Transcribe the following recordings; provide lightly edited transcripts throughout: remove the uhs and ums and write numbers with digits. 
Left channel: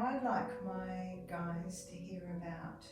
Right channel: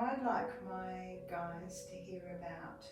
I'd like my guys to hear about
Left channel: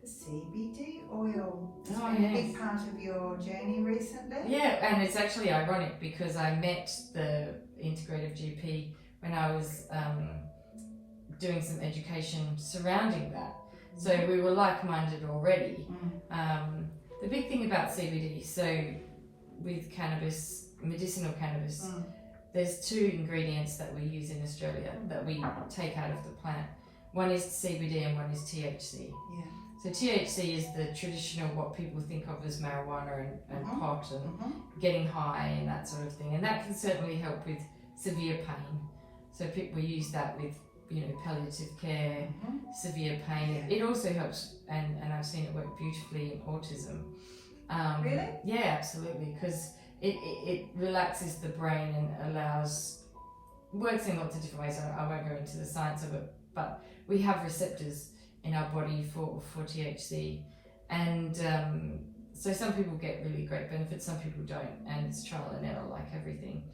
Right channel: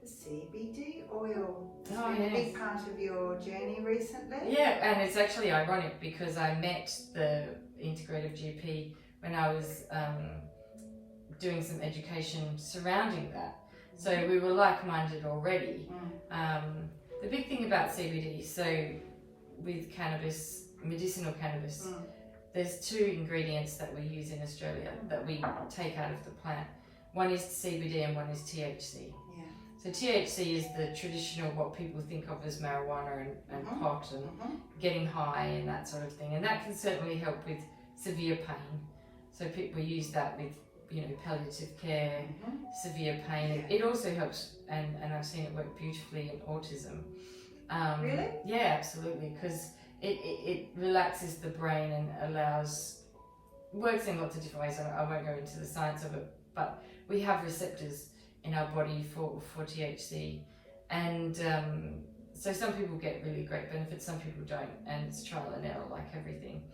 the CBD oil. It's been a big part of your journey recently. Yeah, and it's actually ironic because I met the integrative GP when I was doing some education surrounding that. So we were like-minded already. The big thing about CBD, so with cannabis, medicinal cannabis, there's two ingredients that we use in Australia that we take out of the plant. One is CBD and one is THC. Yeah. So THC is the traditional, what people think of as marijuana and pot and getting high and that sort of thing. And that can certainly help with severe pain. So people use that with, palliative care, severe pain. It also helps, and I've seen it work beautifully in autism. Really? Yeah, absolutely, because it relaxes the brain and works in lots of different ways. I won't go into the science of it, but we have receptors in our body for THC, and so some people get really great benefits, some people don't, and it's trial and error like everything.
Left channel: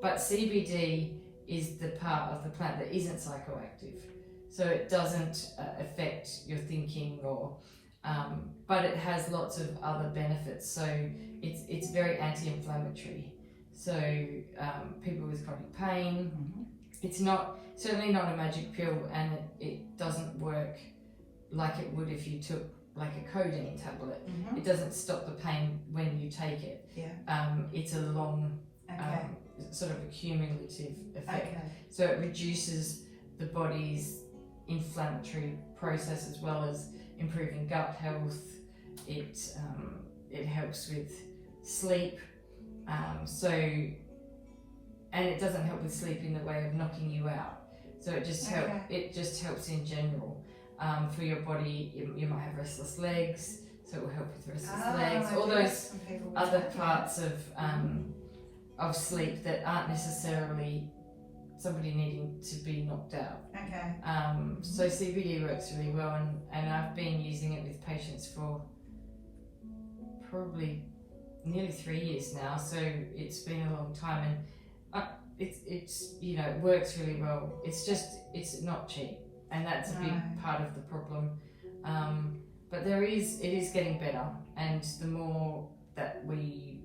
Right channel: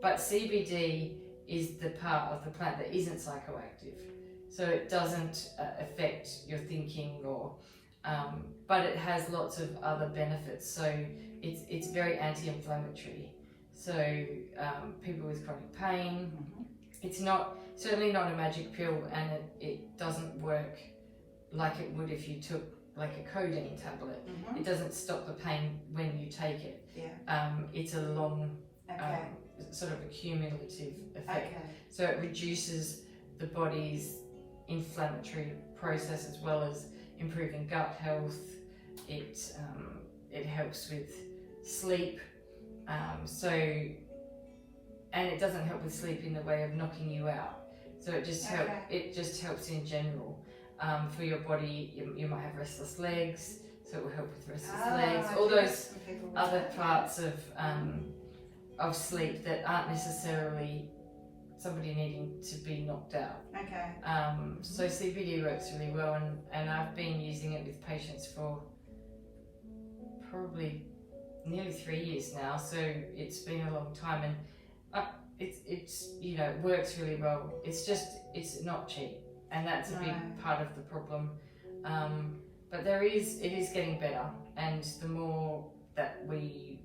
But CBD is the part of the plant that isn't psychoactive, so it doesn't affect your thinking but it has lots of other benefits. So it's very anti-inflammatory. So people with chronic pain, it's certainly not a magic pill, and it doesn't work like it would if you took like a codeine tablet. It doesn't stop the pain when you take it. It's a long sort of a cumulative effect. So it reduces the body's inflammatory process as well as improving gut health. It helps with sleep. And it doesn't help with sleep in the way of knocking you out. So it just helps in general. For your body, you might have restless legs, so it will help with restless legs. All those other parts of sleep that aren't necessarily somebody needing to be knocked out. So CBD works really well, and I've been using it with patients for probably nearly 3 years now, so it's been a long time, and it works really well. It's not cheap, and that's a big part of the problem. But it is getting better, and the more that we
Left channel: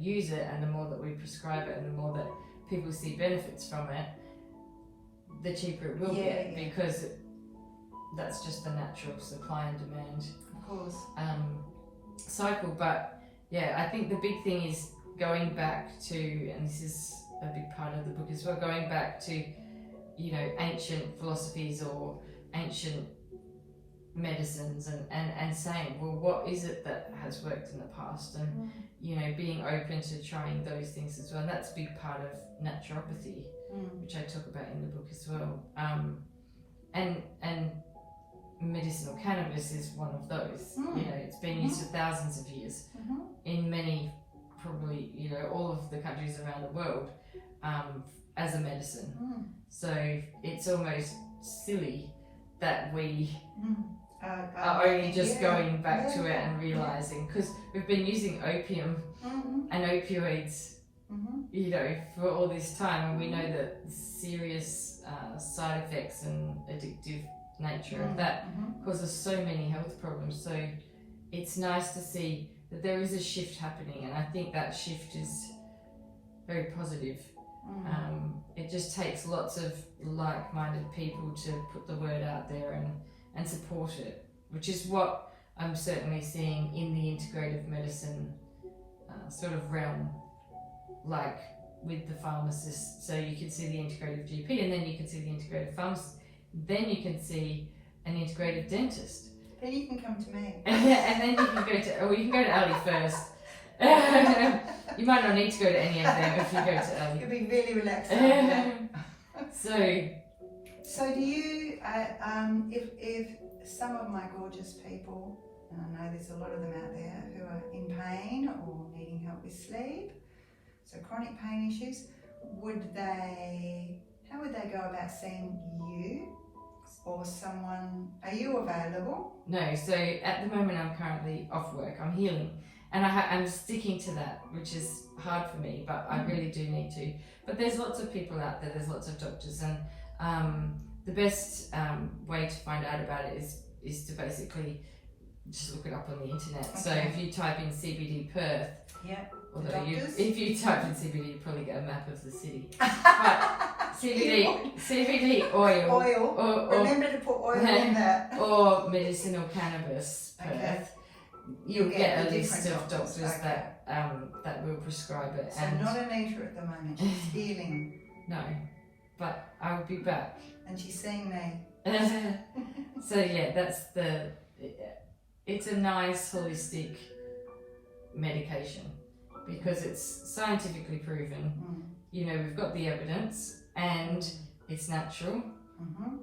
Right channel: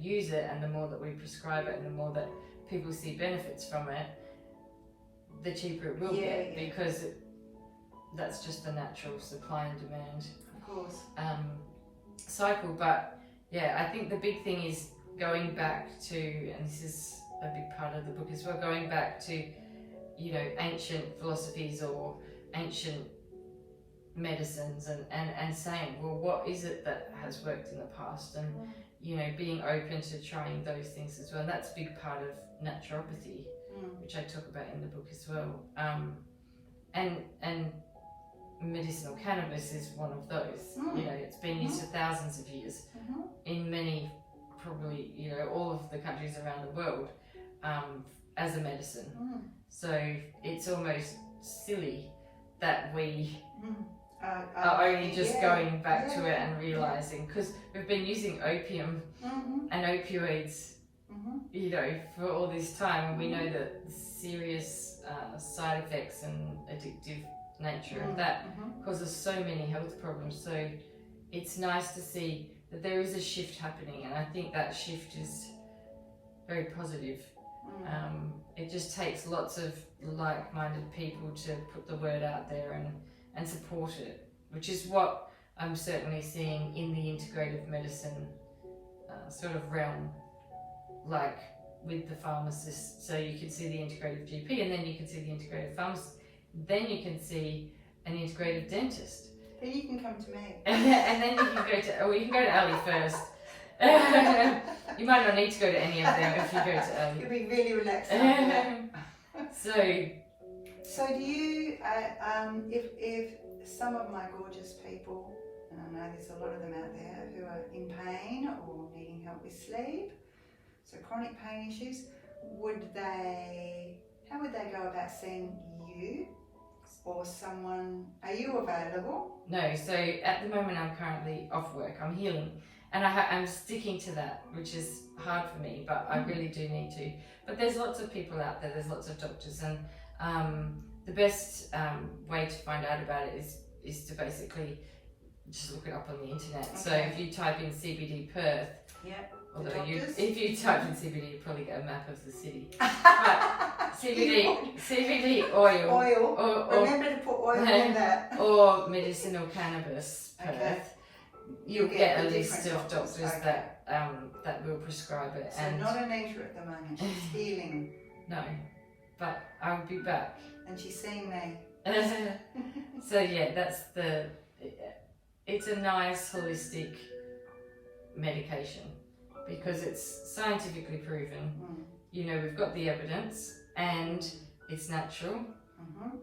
use it, and the more that we prescribe it, and the more that people see benefits from it, the cheaper it will get, because that's just the natural supply and demand cycle. But I think the big thing is going back to, and this is a big part of the book as well, going back to ancient philosophies or ancient medicines, and saying, well, what is it that has worked in the past, and being open to trying those things as well. And that's a big part of naturopathy, which I talk about in the book as well. And medicinal cannabis is one of those. It's been used for thousands of years in many, probably all of the countries around the world, as a medicine. So it's almost silly that we are only just going back to it and realizing, because we've been using opium and opioids for all this time, and we know that the serious side effects and addictive nature of that causes so many health problems. So it's nice to see that there is a shift happening, and I think that shift is very positive. It just takes lots of like-minded people to put the word out there and support it, which is what I'm certainly seeing in the integrative medicine sort of realm, like with the pharmacists. So you can see the integrative GP, and then you can see the integrative pharmacist, then you can see an integrative dentist. Then you can come to me. And then you can you can go to Ali first. You might not need to go to any of them if you go to Ali. You'll be really relaxed. So do you, if some of my gorgeous people, and I know there's a lot of them out there who are in pain or needing help with sleep, so chronic pain issues, how would they go about seeing you or someone? Are you available? No, so at the moment I'm currently off work. I'm healing, and I'm sticking to that, which is hard for me, but I really do need to. But there's lots of people out there, there's lots of doctors, and the best way to find out about it is to basically just look it up on the internet. Okay. So if you type in CBD Perth, although if you type in CBD, you probably get a map of the city. But CBD oil. Or remember to put oil in that. Or medicinal cannabis Perth. You'll get a list of doctors that will prescribe it. So not Anita at the moment, she's healing. No, but I will be back. And she's seen me. So yeah, it's a nice holistic medication because it's scientifically proven. You know, we've got the evidence and it's natural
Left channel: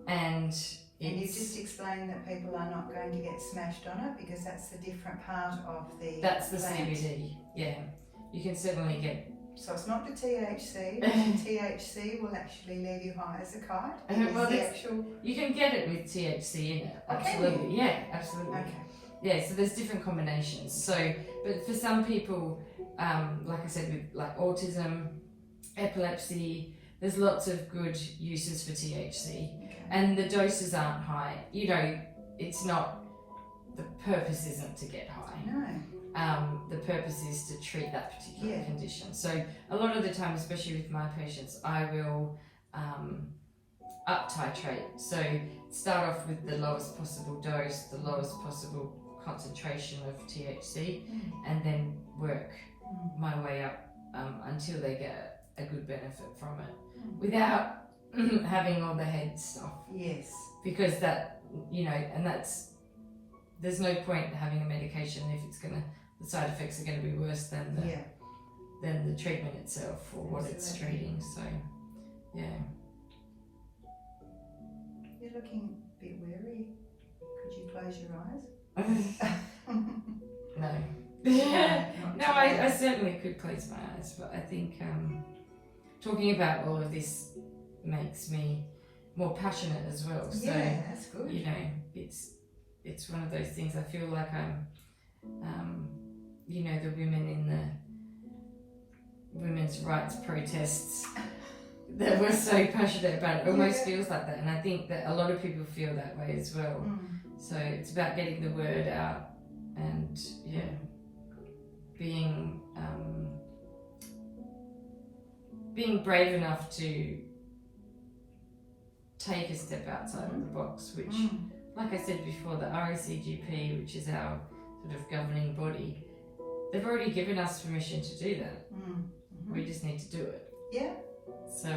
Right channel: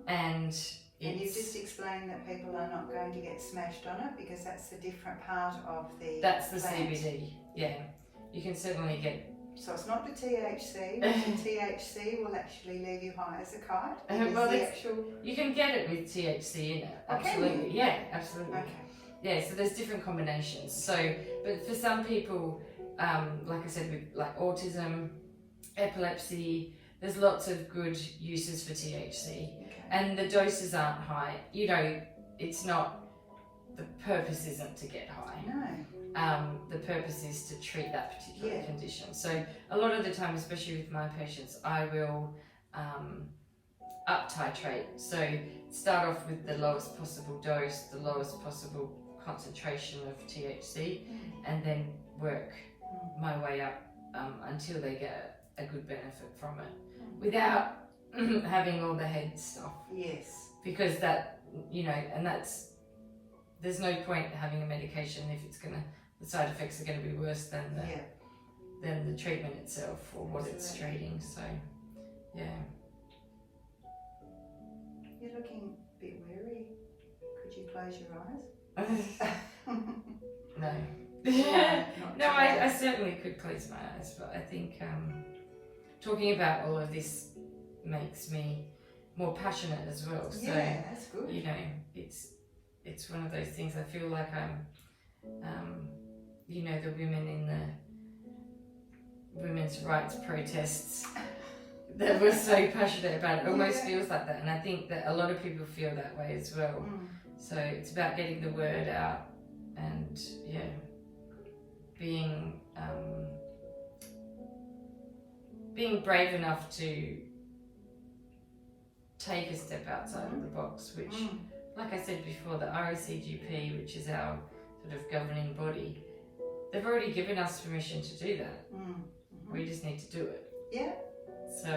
and you just explained that people are not going to get smashed on it because that's a different part of the plant. CBD, yeah. You can certainly get... So it's not the THC, the THC will actually leave you high as a kite. Well, you can get it with THC in it, absolutely. Okay. Yeah, absolutely. Okay. Yeah, so there's different combinations. So, but for some people, like I said, with like autism, epilepsy, there's lots of good uses for THC. And the doses aren't high. You know, it's not, the purpose isn't to get high. No. The purpose is to treat that particular condition. So a lot of the time, especially with my patients, I will up titrate. So start off with the lowest possible dose, the lowest possible concentration of THC, and then work my way up until they get a good benefit from it without having all the head stuff. Yes. Because that, you know, and there's no point having a medication if the side effects are going to be worse than the treatment itself or what it's treating. So, yeah. You're looking a bit weary. Could you close your eyes? No. No, I certainly could close my eyes, but I think talking about all of this makes me more passionate as well. So, that's good. You know, it's one of those things. I feel like I'm, you know, the women in the women's rights protests that were so passionate about it almost feels like that, and I think that a lot of people feel that way as well. So it's about getting the word out and being brave enough to take a step outside of the box, which, like I said before, the RACGP, which is our sort of governing body, they've already given us permission to do that. We just need to do it. Yeah. So,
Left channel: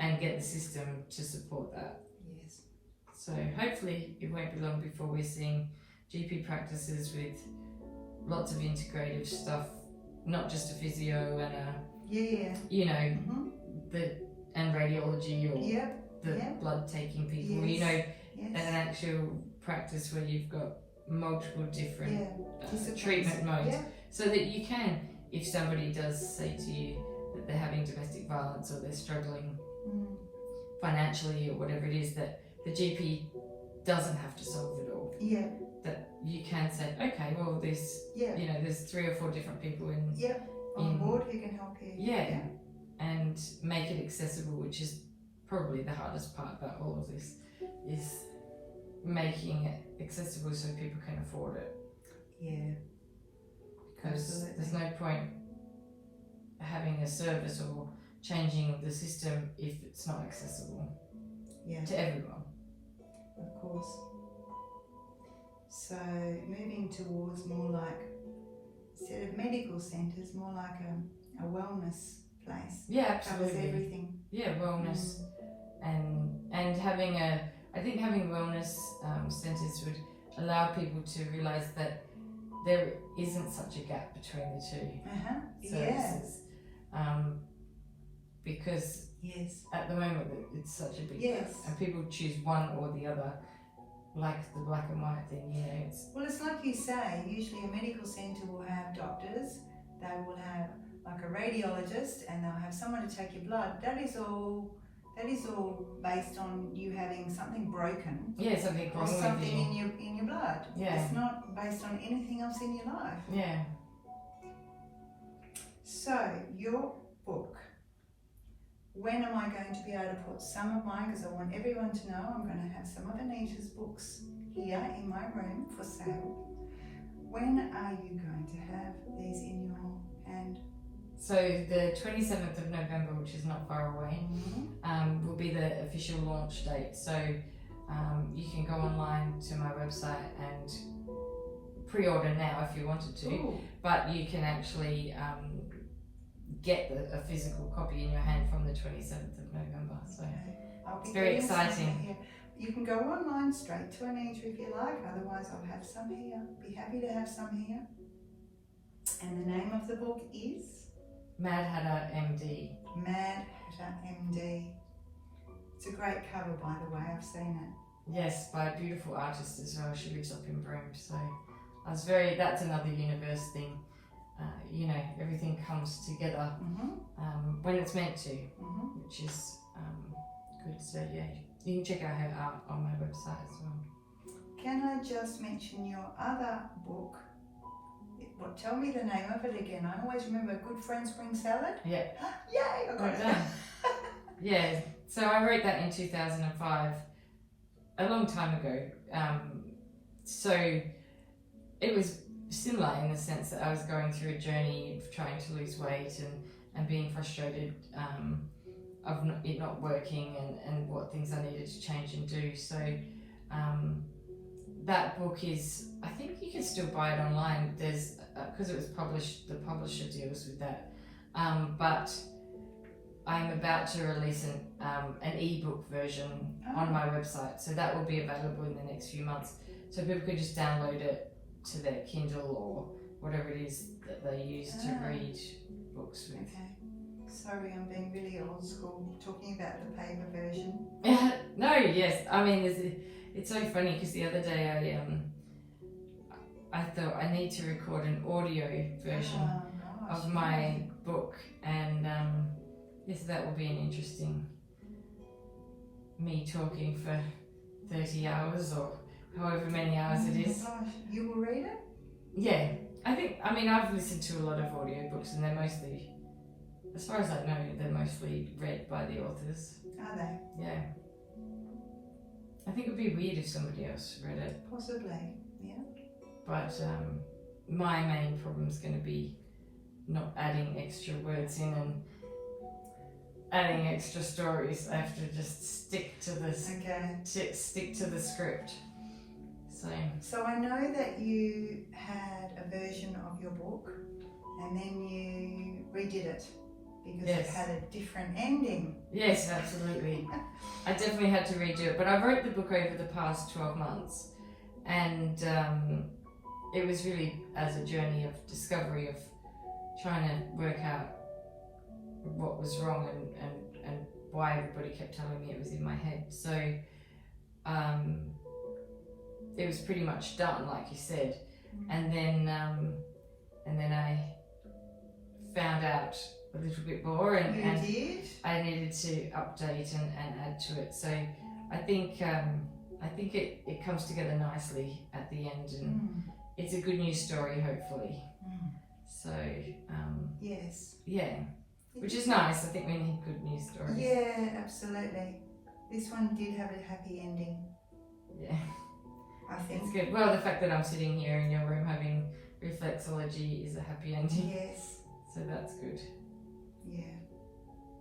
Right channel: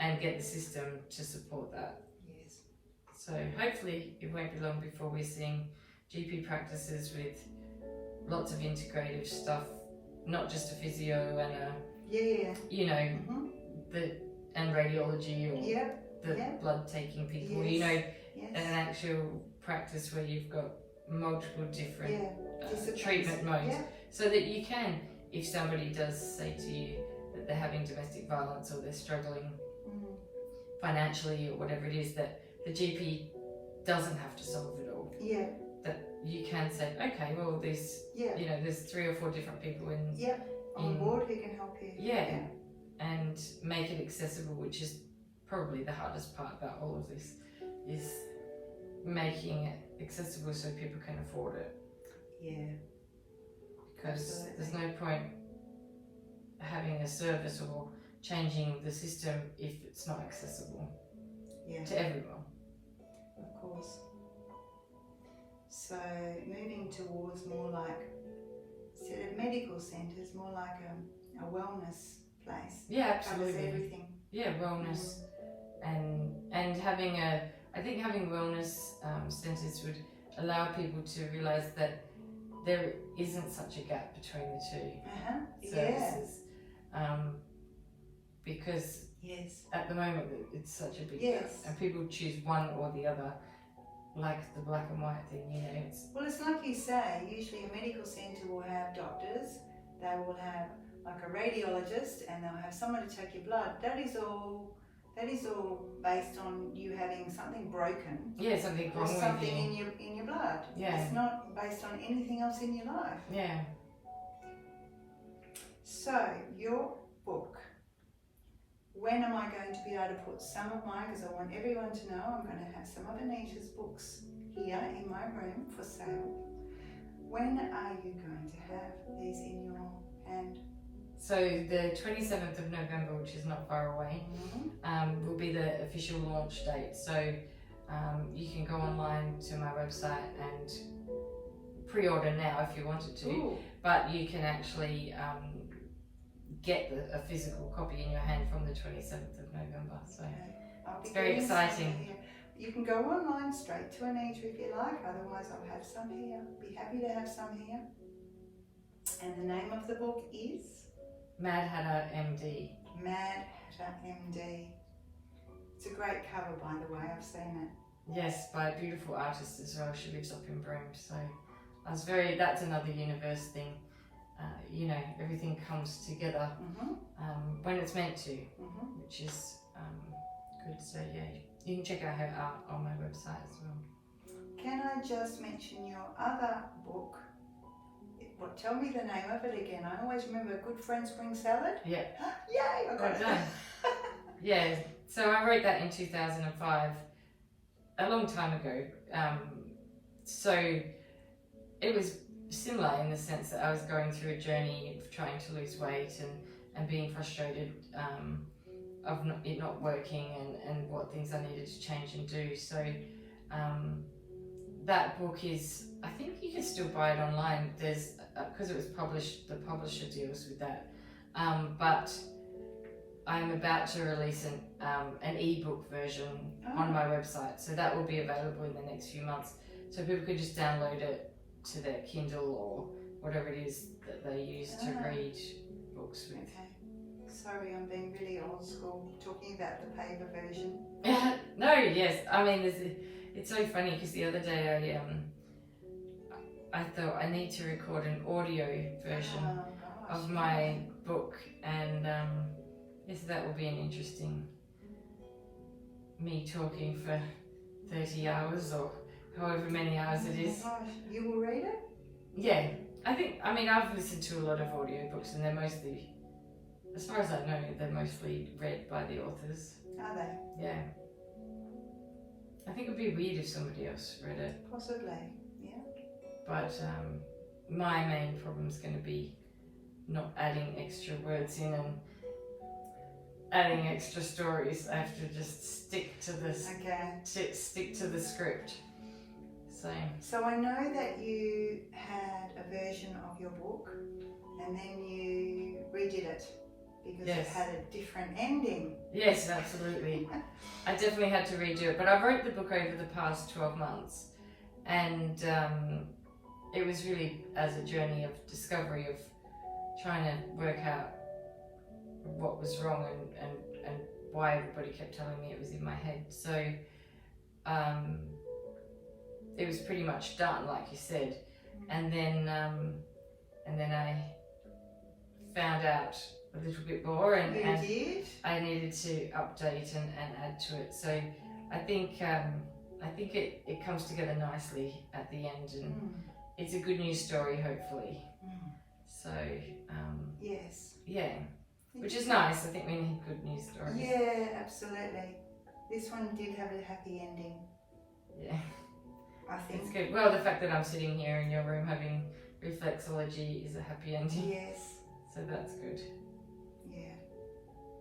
and get the system to support that. Yes. So hopefully it won't be long before we're seeing GP practices with lots of integrative stuff, not just a physio and a, you know, and radiology or the blood taking people, you know, an actual practice where you've got multiple different treatment modes, so that you can, if somebody does say to you that they're having domestic violence or they're struggling financially or whatever it is, that the GP doesn't have to solve it all. That you can say, okay, well, there's you know, there's 3 or 4 different people on board who can help you. And make it accessible, which is probably the hardest part about all of this, is making it accessible so people can afford it. Because there's no point having a service or changing the system if it's not accessible to everyone. Of course. So moving towards more like, instead of medical centres, more like a wellness place. Absolutely. Covers everything. Wellness and having I think having wellness centres would allow people to realise that there isn't such a gap between the two services. Because at the moment it's such a big gap, and people choose one or the other, like the black and white thing, you know. Well, it's like you say, usually a medical centre will have doctors, they will have like a radiologist, and they'll have someone to take your blood. That is all based on you having something broken Yeah, something or wrong with something you. in your blood. Yeah. It's not based on anything else in your life. Yeah. So, your book. When am I going to be able to put some of mine, because I want everyone to know I'm going to have some of Anita's books here in my room for sale. When are you going to have these in your hand? So the 27th of November, which is not far away, will be the official launch date. So you can go online to my website and pre-order now if you wanted to. Ooh. But you can actually get a physical copy in your hand from the 27th of November. So It's very exciting. You can go online straight to Anita if you like, otherwise I'll have some here. Be happy to have some here. And the name of the book is? Mad Hatter MD. Mad Hatter MD. It's a great cover, by the way, I've seen it. Yes, by a beautiful artist as well. She lives up in Broome, so that's another universe thing. Everything comes together when it's meant to, which is good. So yeah, you can check out her art on my website as well. Can I just mention your other book? Tell me the name of it again. I always remember Good Friend Spring Salad. Yeah. Yay! I got it. Done. Yeah. So I wrote that in 2005, a long time ago. So it was similar in the sense that I was going through a journey of trying to lose weight and being frustrated of it not working and what things I needed to change and do. So that book is, I think you can still buy it online. There's because it was published, the publisher deals with that. But I'm about to release an ebook version on my website, so that will be available in the next few months. So people can just download it to their Kindle or whatever it is that they use to read books with. Okay. Sorry, I'm being really old school, talking about the paper version. No, yes. I mean, it's so funny because the other day I thought I need to record an audio version of my book, and yes, that will be an interesting me talking for 30 hours or however many hours it is. Oh gosh, you will read it? Yeah, I've listened to a lot of audiobooks and they're mostly, as far as I know, they're mostly read by the authors. Are they? Yeah. I think it would be weird if somebody else read it. Possibly, yeah. But my main problem is going to be not adding extra words in and adding extra stories. I have to just stick to this. Okay. Stick to the script. So I know that you had a version of your book and then you redid it because it had a different ending. Yes, absolutely. I definitely had to redo it, but I wrote the book over the past 12 months and it was really as a journey of discovery of trying to work out what was wrong and why everybody kept telling me it was in my head. So it was pretty much done, like you said, and then I found out a little bit more, and I needed to update and add to it. So I think it comes together nicely at the end, and it's a good news story, hopefully. So yes, yeah, which is nice. I think we need good news stories. Yeah, absolutely. This one did have a happy ending. Yeah. I think it's good. Well, the fact that I'm sitting here in your room having reflexology is a happy ending. Yes. So that's good.